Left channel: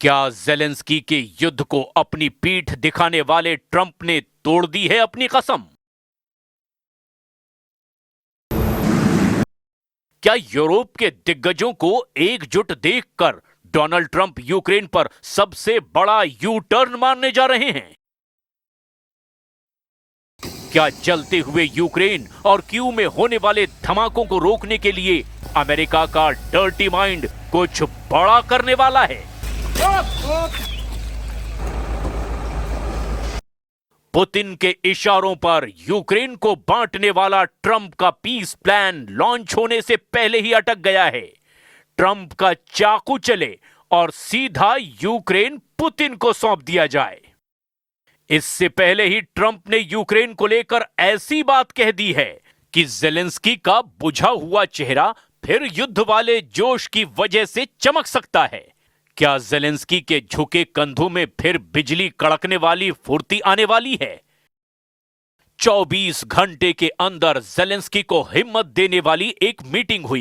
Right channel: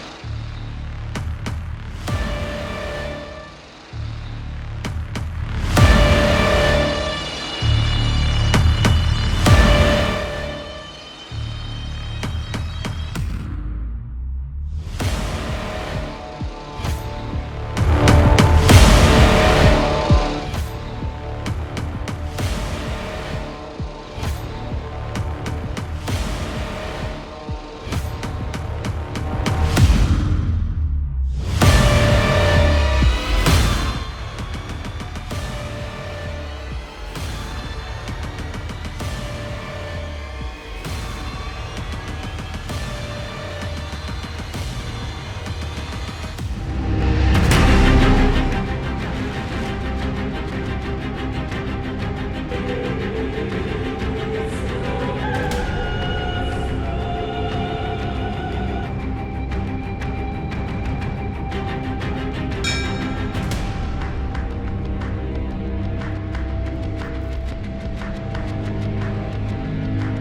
क्या ज़ेलेंस्की के युद्ध को अपनी पीठ दिखाने वाले ट्रंप ने तोड़ दी है अपनी कसम? क्या यूरोप के दिग्गजों को एकजुट देखकर डोनाल्ड ट्रंप यूक्रेन पर सबसे बड़ा यू टर्न मारने जा रहे हैं? क्या चलते हुए यूक्रेन और कीव में होने वाले धमाकों को रोकने के लिए अमेरिका का डर्टी माइंड कुछ बड़ा करने वाला है? पुतिन के इशारों पर यूक्रेन को बांटने वाला ट्रंप का पीस प्लान लॉन्च होने से पहले ही अटक गया है। ट्रंप का चाकू चले और सीधा यूक्रेन पुतिन को सौंप दिया जाए। इससे पहले ही ट्रंप ने यूक्रेन को लेकर ऐसी बात कह दी है कि ज़ेलेंस्की का बुझा हुआ चेहरा फिर युद्ध वाले जोश की वजह से चमक सकता है। क्या ज़ेलेंस्की के झुके कंधों में फिर बिजली कड़कने वाली फुर्ती आने वाली है? 24 घंटे के अंदर ज़ेलेंस्की को हिम्मत देने वाली एक मीटिंग हुई।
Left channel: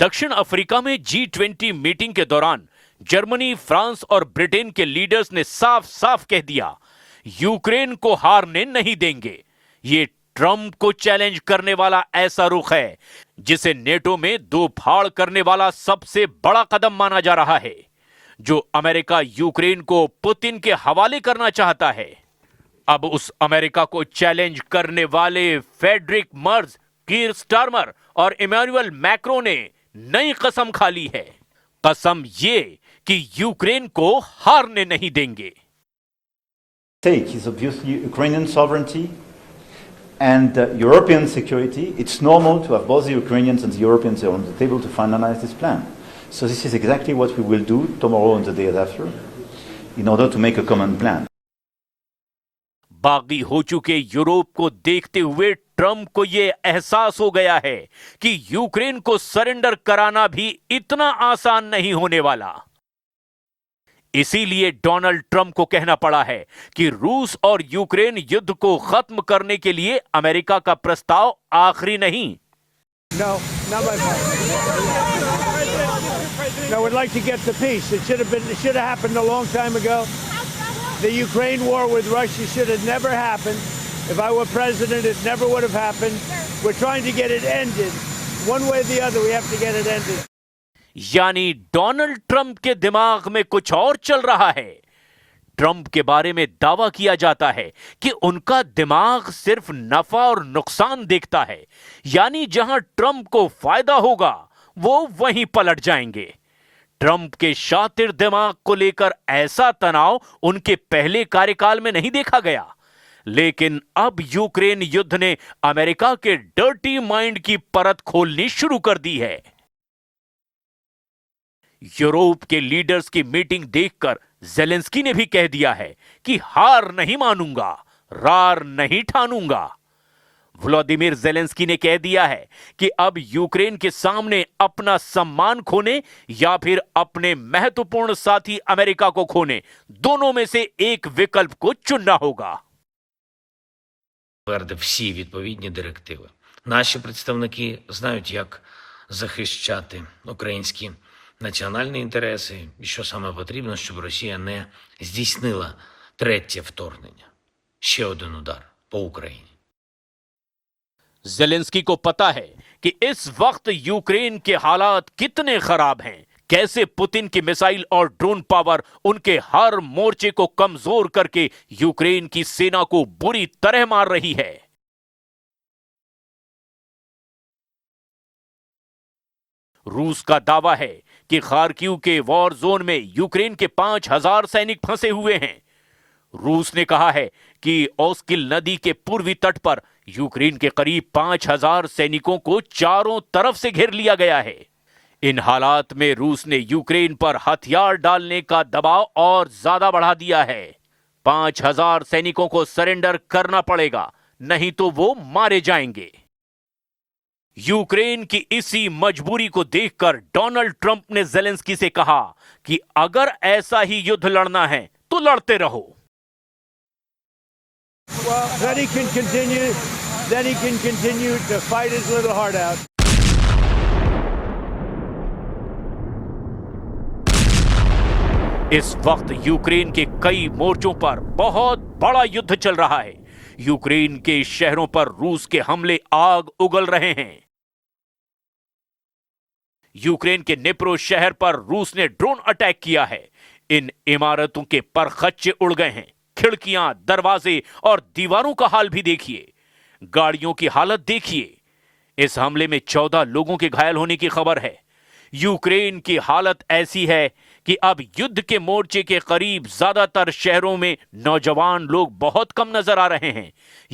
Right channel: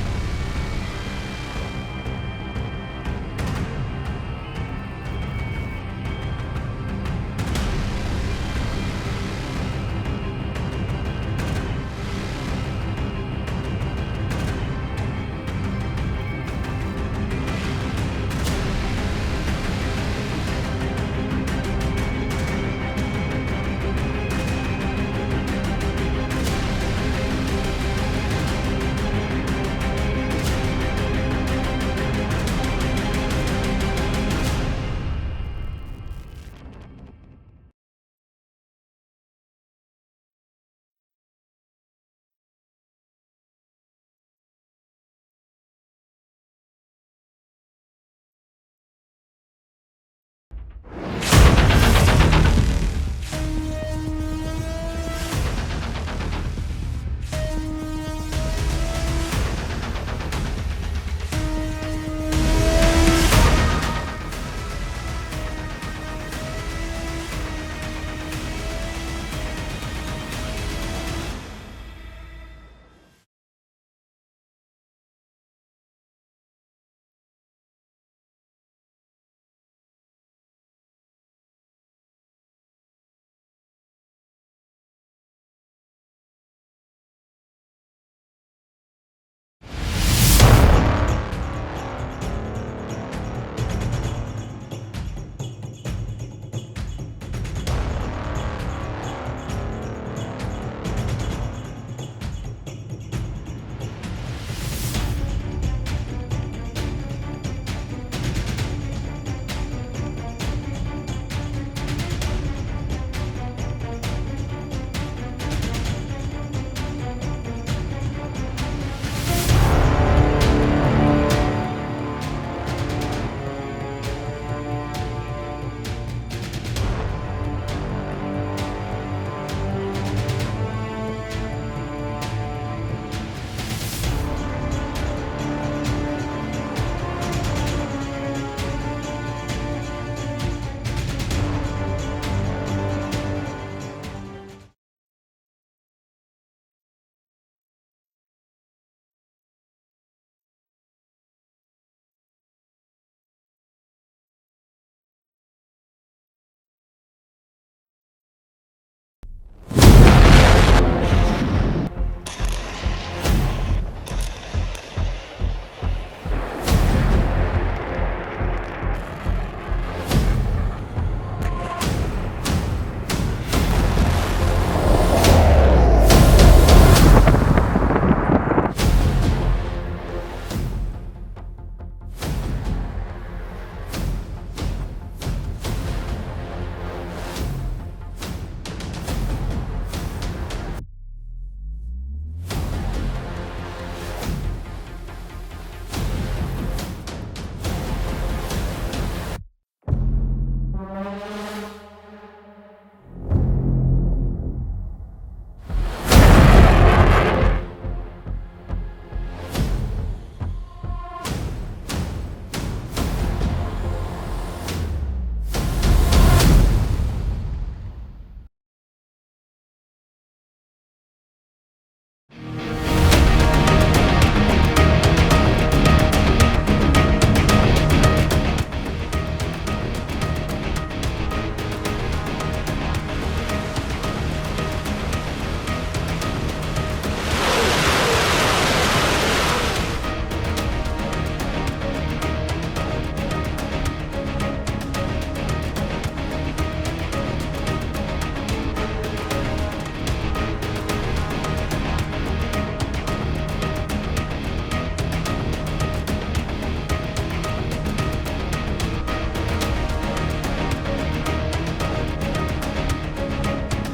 दक्षिण अफ्रीका में G20 मीटिंग के दौरान जर्मनी, फ्रांस और ब्रिटेन के लीडर्स ने साफ साफ कह दिया, यूक्रेन को हारने नहीं देंगे। ये ट्रंप को चैलेंज करने वाला ऐसा रुख है जिसे नेटो में दो फाड़ करने वाला सबसे बड़ा कदम माना जा रहा है। जो अमेरिका यूक्रेन को पुतिन के हवाले करना चाहता है, अब उस अमेरिका को चैलेंज करने वाले फ्रेडरिक मर्ज, कीर स्टारमर और इमैनुअल मैक्रों ने नई कसम खा ली है। कसम ये कि यूक्रेन को हारने नहीं देंगे। Stake is obviously Ukrainian sovereignty and European security. It's normal to have both the Ukrainians and the Europeans on the table to finalize this plan. So this is exactly what we will do tomorrow and the day after in order to make a common plan. बाकी हो चुके Europe को देखते हुए Trump को ये एहसास हो गया है कि यूक्रेन को सरेंडर कराना भी इतना आसान नहीं होने वाला। इसीलिए डोनाल्ड ट्रंप को कहना पड़ा है कि रूस और यूक्रेन युद्ध को खत्म करने के लिए अमेरिका का प्रस्ताव आखिरी नहीं। No, not my fault. No, we'd like to get the peace. It should have happened a long time ago. The Ukraine war with Russia should have never happened. If I were president, it never would have happened. We're trying to get it ended. One way or the other, we have to get it ended. यानी Donald Trump के दिमाग में कुछ और चल रहा है। Trump के बारे में दावा किया जाता है कि उनका दिमाग सिर्फ नफा और नुकसान देखता है, यानी जहां ट्रंप को फायदा होगा वो वहीं पलट जाएंगे। ट्रंप के शातिर दिमाग को लेकर ऐसा तनाव उनके पहले कार्यकाल में नहीं देखा गया, लेकिन अब यूक्रेन युद्ध ने अमेरिका के डर्टी माइंड की परत खोलनी शुरू कर दी है। यूरोप के लीडर्स की मीटिंग देखकर ज़ेलेंस्की ने भी कह दिया है कि हार नहीं मानूंगा, रार नहीं ठानूंगा। व्लादिमीर ज़ेलेंस्की ने कह दिया है कि अब यूक्रेन के सामने अपना सम्मान खोने या फिर अपने महत्वपूर्ण साथी अमेरिका को खोने, दोनों में से एक विकल्प को चुनना होगा। Всі відповідні директиви. Наші представники знають, як захищати українські національні інтереси і що саме потрібно, щоб Росія не здійснила третє вторгнення. Ще один удар по Україні. ज़ेलेंस्की को पता है कि इस वक्त यूक्रेन के हालात कितने खराब हैं, कैसे पुतिन की मिसाइल और ड्रोन पावर उनके हर मोर्चे को कमजोर करके यूक्रेन की सेना को बुरी तरह मार रही है। रूस का दावा है कि खार्किव के वॉर जोन में यूक्रेन के 5000 सैनिक फंसे हुए हैं। रूस ने कहा है कि ओस्किल नदी के पूर्वी तट पर यूक्रेन के करीब 5000 सैनिकों को चारों तरफ से घेर लिया गया है। इन हालात में रूस ने यूक्रेन पर हथियार डालने का दबाव और ज्यादा बढ़ा दिया है। 5000 सैनिकों को सरेंडर करना पड़ेगा, नहीं तो वो मारे जाएंगे। यूक्रेन की इसी मजबूरी को देखकर डोनाल्ड ट्रंप ने ज़ेलेंस्की से कहा कि अगर ऐसा ही युद्ध लड़ना है तो लड़ते रहो। Well, then he can continue to fight his little heart out. इस वक्त यूक्रेन के कई मोर्चों पर बहुत बड़ा युद्ध चल रहा है। यूक्रेन के शहरों पर रूस के हमले आग उगल रहे हैं। यूक्रेन के निप्रो शहर पर रूस ने ड्रोन अटैक किया है। इन इमारतों के परखच्चे उड़ गए हैं। खिड़कियां, दरवाजे और दीवारों का हाल भी देखिए। गाड़ियों की हालत देखिए। इस हमले में 14 लोगों के घायल होने की खबर है। यूक्रेन की हालत ऐसी है कि अब युद्ध के मोर्चे के करीब ज्यादातर शहरों में नौजवान लोग बहुत कम नजर आ रहे हैं।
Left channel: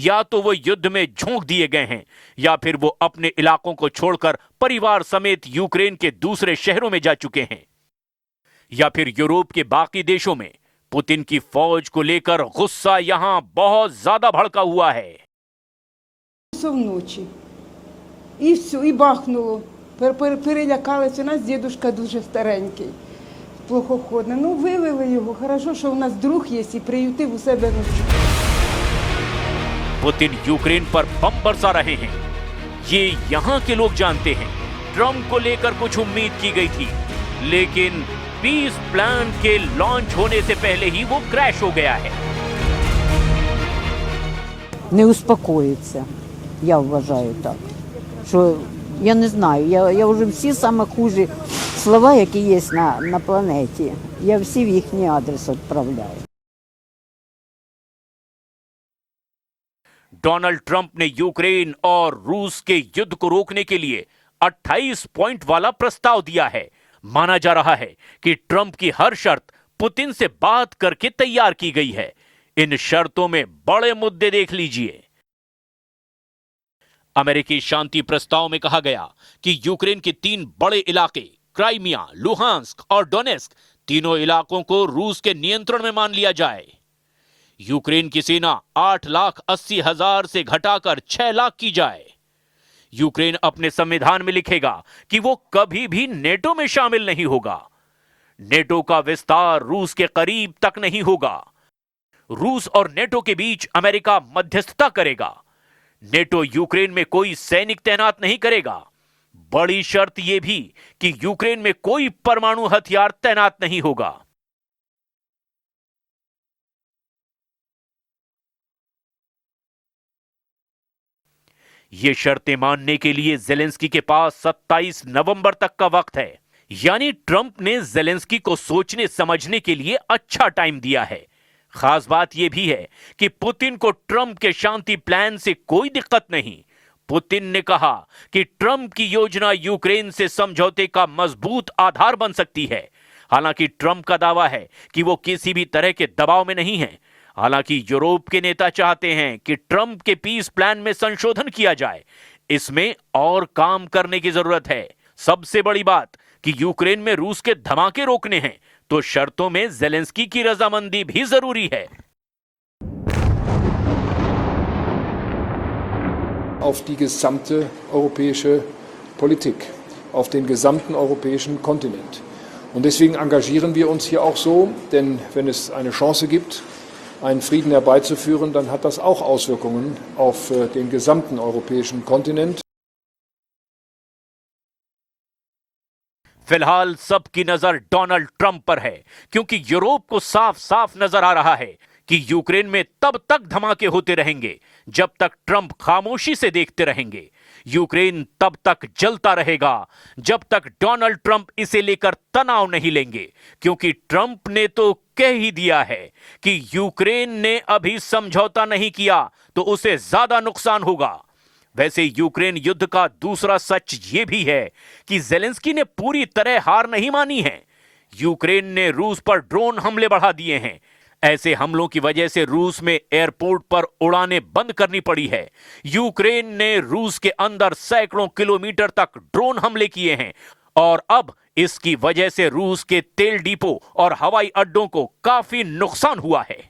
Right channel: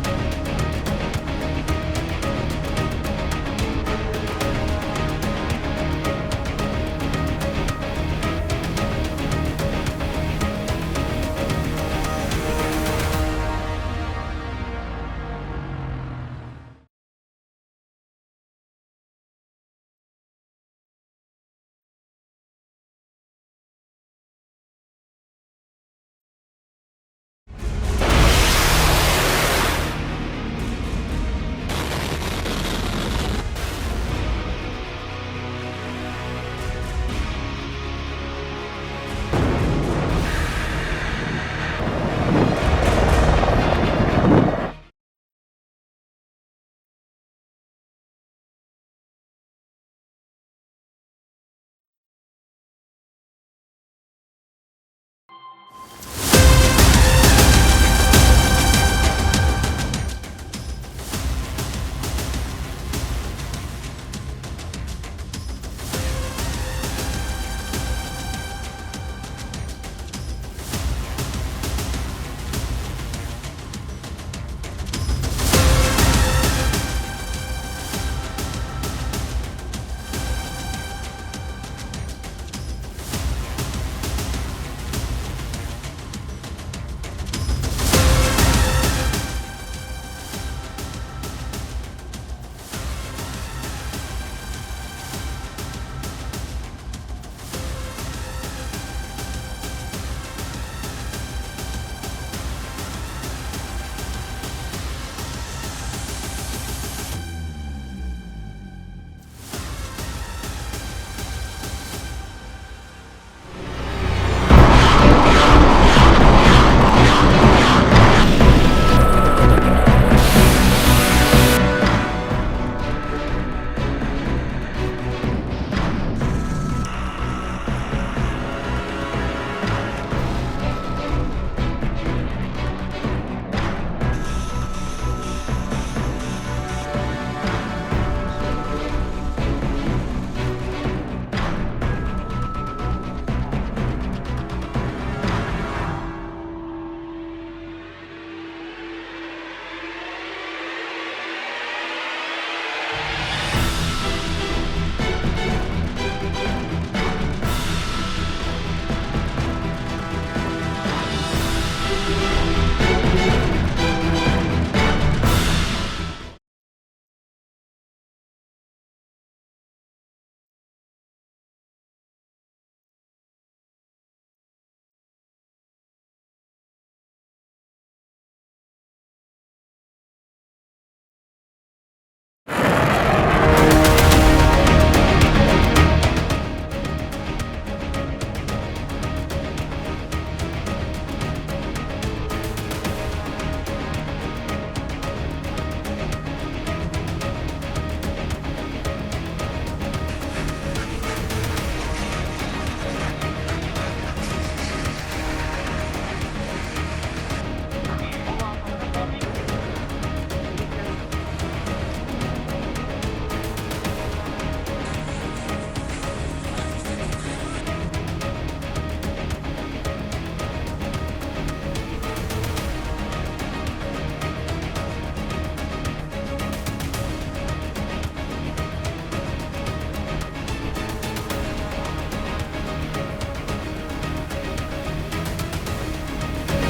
या तो वो युद्ध में झोंक दिए गए हैं या फिर वो अपने इलाकों को छोड़कर परिवार समेत यूक्रेन के दूसरे शहरों में जा चुके हैं, या फिर यूरोप के बाकी देशों में पुतिन की फौज को लेकर गुस्सा यहां बहुत ज्यादा भड़का हुआ है। Вночі. І все, і бахнуло. Перелякалися. У нас дідушка дуже старенький, плохоходний. Ну, вивели його. Хорошо, що у нас друг є і приютив у себе. पुतिन यूक्रेन पर बम बरसा रहे हैं। ये यहाँ के लोग जानते हैं। ट्रंप को लेकर कुछ उम्मीद की गई थी, लेकिन पीस प्लान के लॉन्च होने से पहले ही वो क्रैश हो गया है। Не успокоїться, я вважаю так. Що, я не знаю, я вже всі саме хужі слова, які є на планеті, я всі в їхній адрес відправляю. डोनाल्ड ट्रंप ने यूक्रेन और रूस के युद्ध को रोकने के लिए 28 पॉइंट वाला प्रस्ताव दिया है। माना जा रहा है कि ट्रंप की हर शर्त पुतिन से बात करके तैयार की गई है। इन शर्तों में बड़े मुद्दे देख लीजिए। अमेरिकी शांति प्रस्ताव में कहा गया कि यूक्रेन के 3 बड़े इलाके क्राइमिया, लुहांस्क और डोनेस्क, तीनों इलाकों को रूस के नियंत्रण में मान लिया जाए। यूक्रेन की सेना 8,80,000 से घटाकर 6 लाख की जाए। यूक्रेन अपने संविधान में लिखेगा कि वो कभी भी नेटो में शामिल नहीं होगा। नेटो का विस्तार रूस के करीब तक नहीं होगा। रूस और नेटो के बीच अमेरिका मध्यस्थता करेगा। नेटो यूक्रेन में कोई सैनिक तैनात नहीं करेगा। बड़ी शर्त यह भी कि यूक्रेन में कोई परमाणु हथियार तैनात नहीं होगा। ये शर्तें मानने के लिए जेलेंस्की के पास 27 नवंबर तक का वक्त है। यानी ट्रंप ने जेलेंस्की को सोचने समझने के लिए अच्छा टाइम दिया है। खास बात यह भी है कि पुतिन को ट्रंप के शांति प्लान से कोई दिक्कत नहीं। पुतिन ने कहा कि ट्रंप की योजना यूक्रेन से समझौते का मजबूत आधार बन सकती है। हालांकि ट्रंप का दावा है कि वो किसी भी तरह के दबाव में नहीं है। हालांकि यूरोप के नेता चाहते हैं कि ट्रंप के पीस प्लान में संशोधन किया जाए। इसमें और काम करने की जरूरत है। सबसे बड़ी बात कि यूक्रेन में रूस के धमाके रोकने हैं, तो शर्तों में जेलेंस्की की रजामंदी भी जरूरी है। Auf die gesamte europäische Politik, auf den gesamten europäischen Kontinent. Und deswegen engagieren wir uns hier auch so, denn wenn es eine Chance gibt, einen Frieden herbeizuführen, dann hat das auch Auswirkungen auf den gesamten europäischen Kontinent. फिलहाल सबकी नजर Donald Trump पर है, क्योंकि Europe को साफ साफ नजर आ रहा है कि यूक्रेन में तब तक धमाके होते रहेंगे जब तक ट्रंप खामोशी से देखते रहेंगे। यूक्रेन तब तक जलता रहेगा जब तक डोनाल्ड ट्रंप इसे लेकर तनाव नहीं लेंगे, क्योंकि ट्रंप ने तो कह ही दिया है कि यूक्रेन ने अभी समझौता नहीं किया तो उसे ज्यादा नुकसान होगा। वैसे यूक्रेन युद्ध का दूसरा सच ये भी है कि जेलेंस्की ने पूरी तरह हार नहीं मानी है। यूक्रेन ने रूस पर ड्रोन हमले बढ़ा दिए हैं। ऐसे हमलों की वजह से रूस में एयरपोर्ट पर उड़ानें बंद करनी पड़ी है। यूक्रेन ने रूस के अंदर सैकड़ों किलोमीटर तक ड्रोन हमले किए हैं और अब इसकी वजह से रूस के तेल डिपो और हवाई अड्डों को काफी नुकसान हुआ है।